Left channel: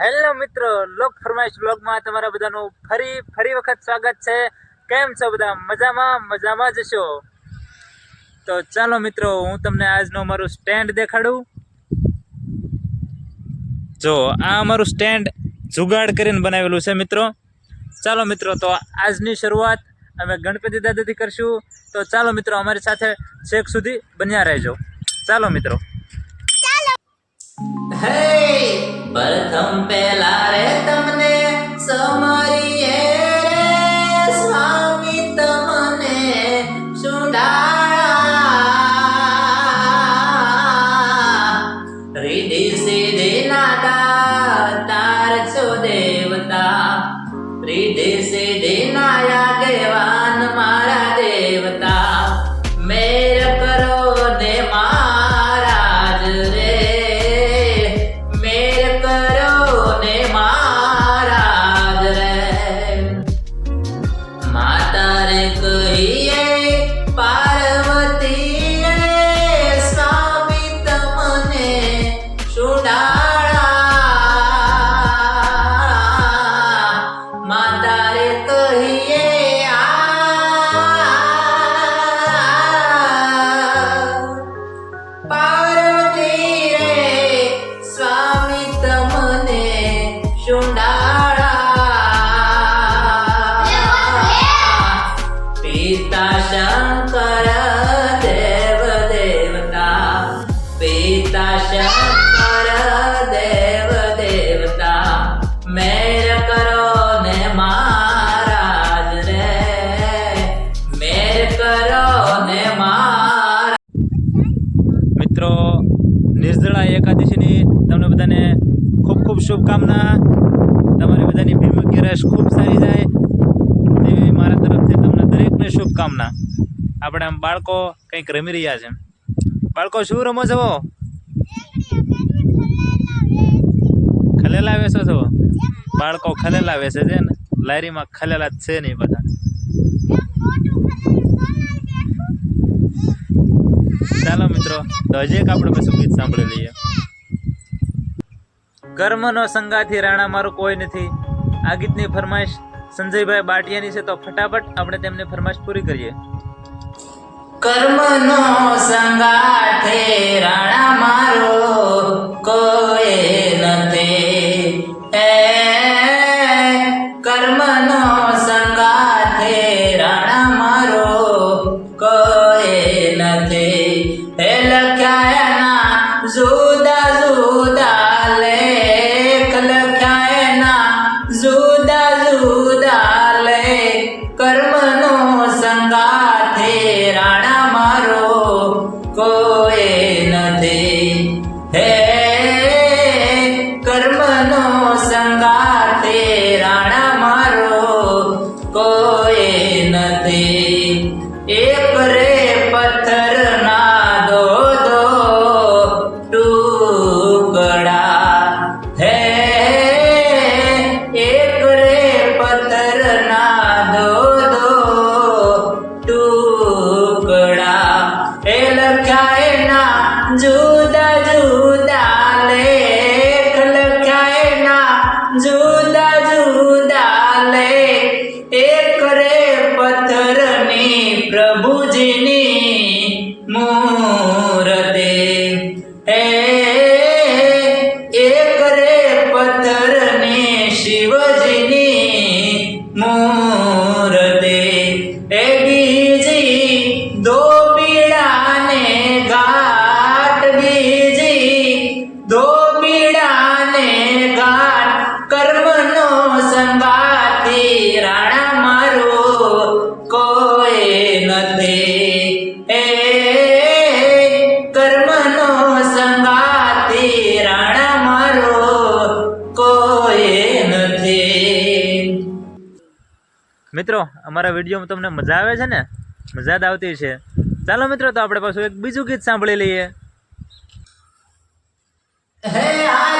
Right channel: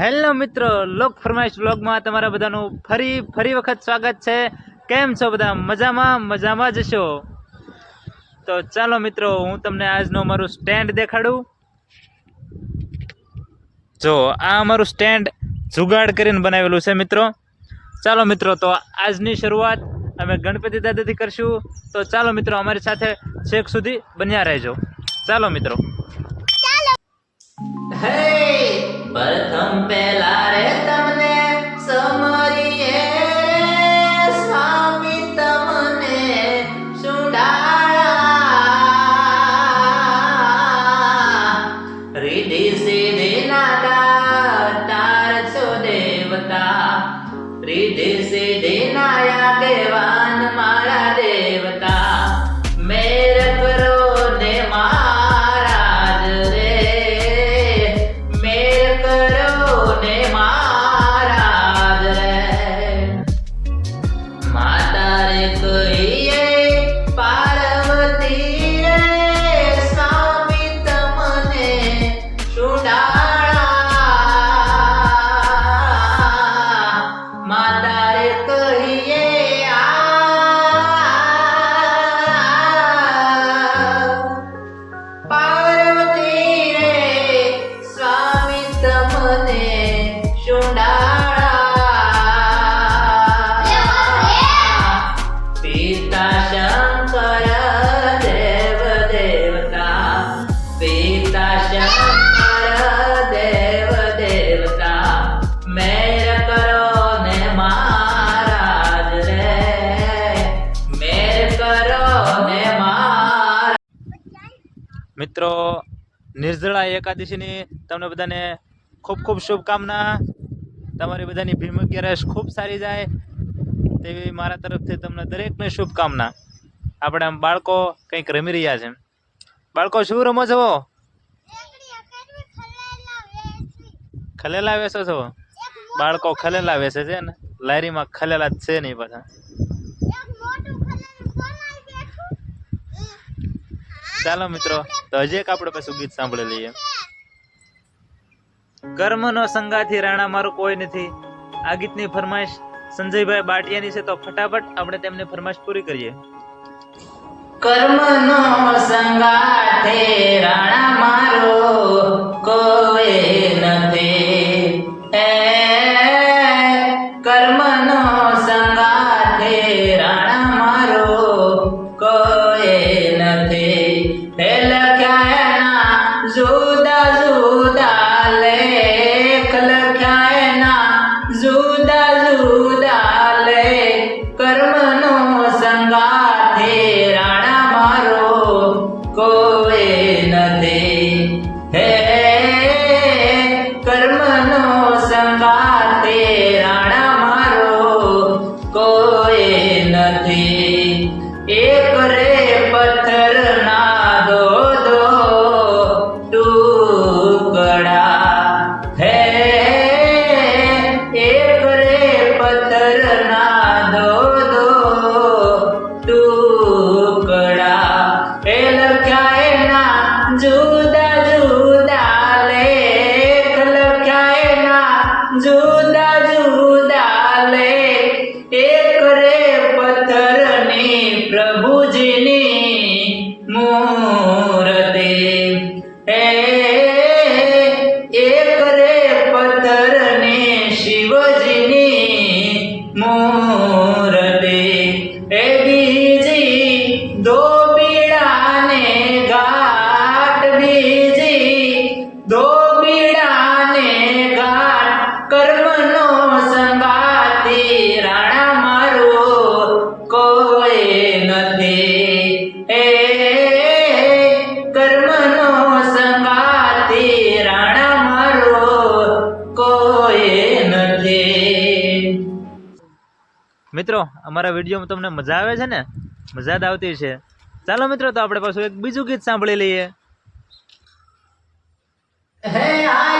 Hello મિત્રો લોક ફરમાઈશ બ્લોગમાં તમારા બધાનું ફરી ફરી વખત સ્વાગત છે. કેમ છો બધા? મજામાં? મજામાં જશો તો ચાલો મિત્રો હું તમને આજનો મારું સ્ટેન્ડ દેખાડું. જો આ અમારું સ્ટેન્ડ જુગાડ કરીને બનાવેલું છે મિત્રો. ચાલો મિત્રો તો આજની શરૂઆત અમે ગણપતિ દાદાથી કરશું. તો ચાલો મિત્રો અમારી સાથે છેક સુધી બન્યા રહેજો. ચાલો મિત્રો. હે પ્રથમ પહેલા રે તમને સમરીએ પિતા શંકર દેવ દેવતા પિતા શંકર દેવ દેવતા મેર કરો ને મહારાજ રે મેર કરો ને મહારાજ મિત્રો, નિર્જળા એકાદશીની તમને બધાને ખૂબ ખૂબ શુભકામના. તમારી બધાની ભીમ ગેરેશ ખૂબ સારી જાય. એવી મારા તરફથી તમને દરેકને શુભકામના. આપણે આમ બાળકો કંઈક રમી રહ્યા છે. બાળકો, શું રમો છો? ખલેલા વેસો છો? બાળકો ખલેલા વેસે છે ને? લારીમાં ખલેલા જ છે નહીં બધા. ચાલો મિત્રો, તો હજી એક આપણે પછી ગીત સાંભળી લઈએ. કર્મનો સંગાથી રાણા મારું કોઈ નથી. આ ગીતની ફરમાઈશ સંજયભાઈ બાટિયાની છે તો ફટાફટ આપણે તેમને ફરમાશ પૂરી કરીએ. કર્મનો સંગાથે રાણા મારો કોઈ નથી. હે લખ્યાના જુદા જુદા એ લખ્યા મિત્રો, અમારા વિડીયોમાં તમને મજા આવે છે ને? મજા જ આવતી છે. ચાલો મિત્રો, તો આપણે પાછું એક બીજું ગીત સાંભળી લઈએ. હે આયો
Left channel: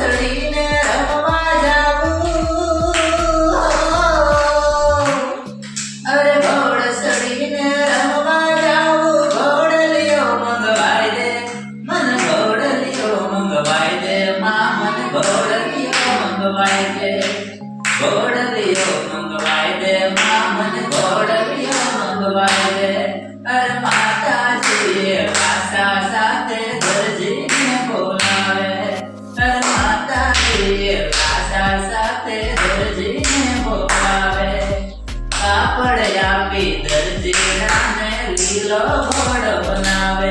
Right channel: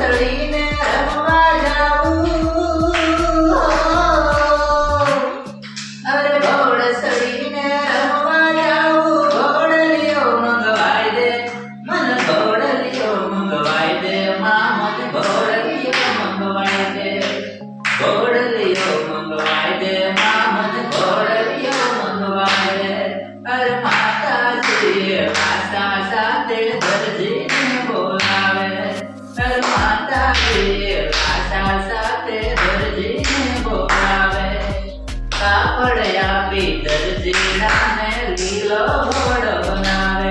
હસડીને રમવા જાવું. અરે ઘોડ સડીને રમવા જાવું. ઘોડલીઓ મંગવાઈ દે. મન ઘોડલીઓ મંગવાઈ દે. મા મન ઘોડલીઓ મંગવાઈ દે. ઘોડલીઓ મંગવાઈ દે. કાપડ આપી દરજીડાને લીલો ઘોડો બનાવે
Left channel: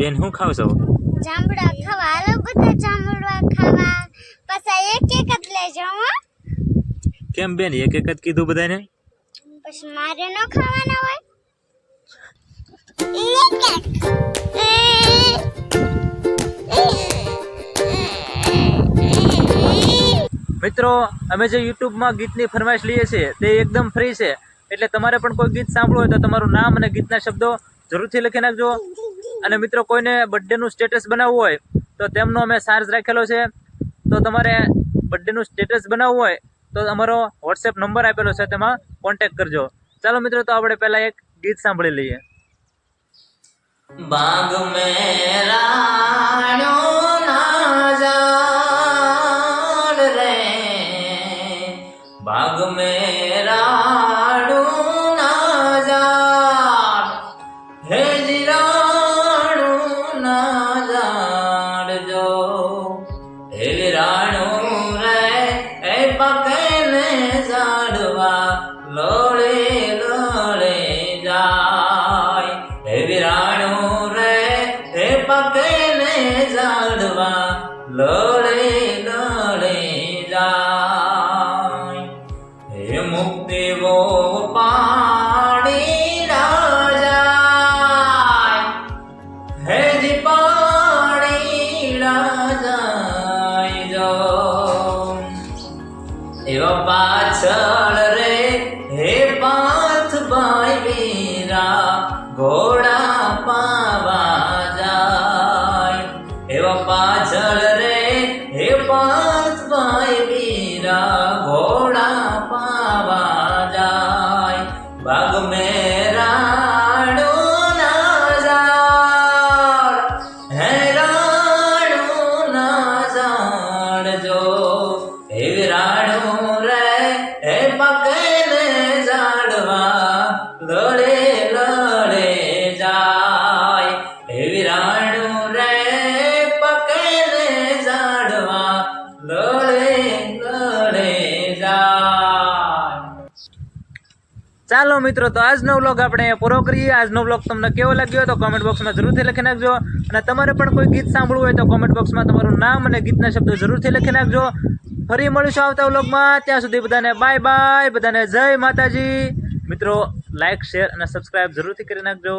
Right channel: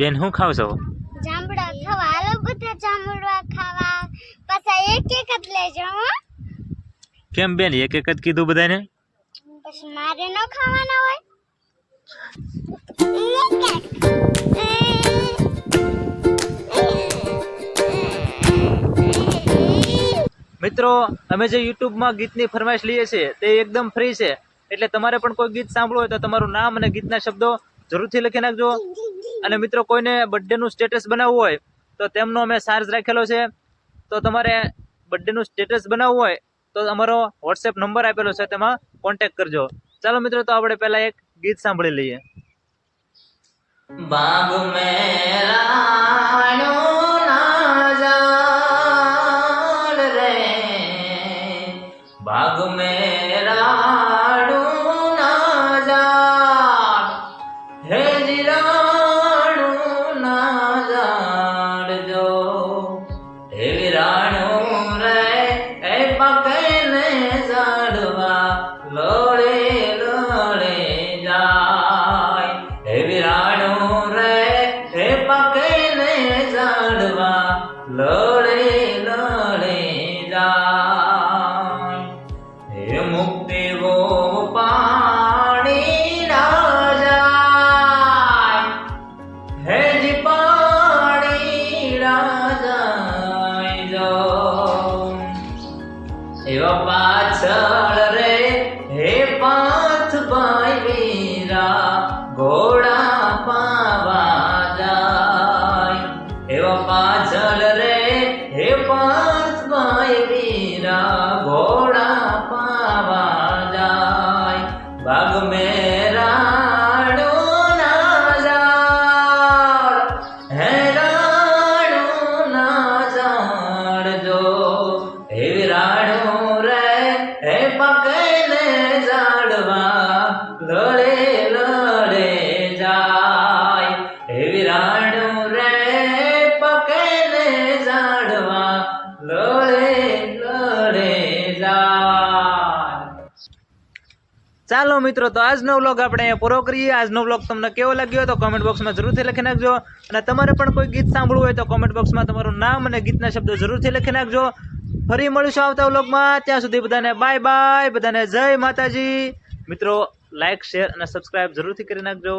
બેન શું ખાવ છો જાંબુડા ખાવા. હાલો બધા જાંબુડા ખાવા. પાછા એક એક જ લેજો હો. કેમ બેન એક એક જ કીધું બધાને? પછી મારે ન ખાવાના હોય. મિત્રો અમે જે યુટ્યુબમાં ગીતની ફરમાઈશ લઈએ છીએ તે એકદમ ફ્રી છે. એટલે તમારે પણ કોઈ ગીત સાંભળવું હોય તો તમારું નામ અને ગીતના શબ્દો જરૂરથી લખી નાખજો. અને મિત્રો કોઈને બર્થડેનું સ્ટેટસ બનાવવું હોય, તો તેમનો અમે ચાર્જ રાખેલો છે. તો તમારે બર્થડેનું સ્ટેટસ બનાવવું હોય, તો અમારો વોટ્સએપ નંબર આપેલો છે, તેમાં કોન્ટેક્ટ કરજો. ચાલો મિત્રો, તો આપણે પહેલાં એક ગીત સાંભળી લઈએ. બાગ મેરાણો ના ઝાડ ઝાડવા લડે લડે જાય. હે મુક્તિ વો પાણી ના જાય. હે જી પાણી ના જાય જો. એવા પાછળ રે, હે પાથ ભાઈ વીરા ઘોડા બાગ ચાલો મિત્રો, તો આજનો વ્લોગ આપણે પૂરો કરીએ. આજનો વ્લોગ તમને કેવો લાગ્યો તો કોમેન્ટ બોક્સમાં જરૂરથી લખી નાખજો. અને તમારે પણ કોઈ ગીત સાંભળવું હોય તો કોમેન્ટ બોક્સમાં તમારું નામ અને ગીતના શબ્દો જરૂરથી લખી નાખજો. ફરી મળીશું આવતા વ્લોગમાં ત્યાં સુધી બધાને બાય બાય બધાને જય માતાજી. મિત્રો લાઇક શેર અને સબસ્ક્રાઈબ જરૂરથી કરી નાખજો.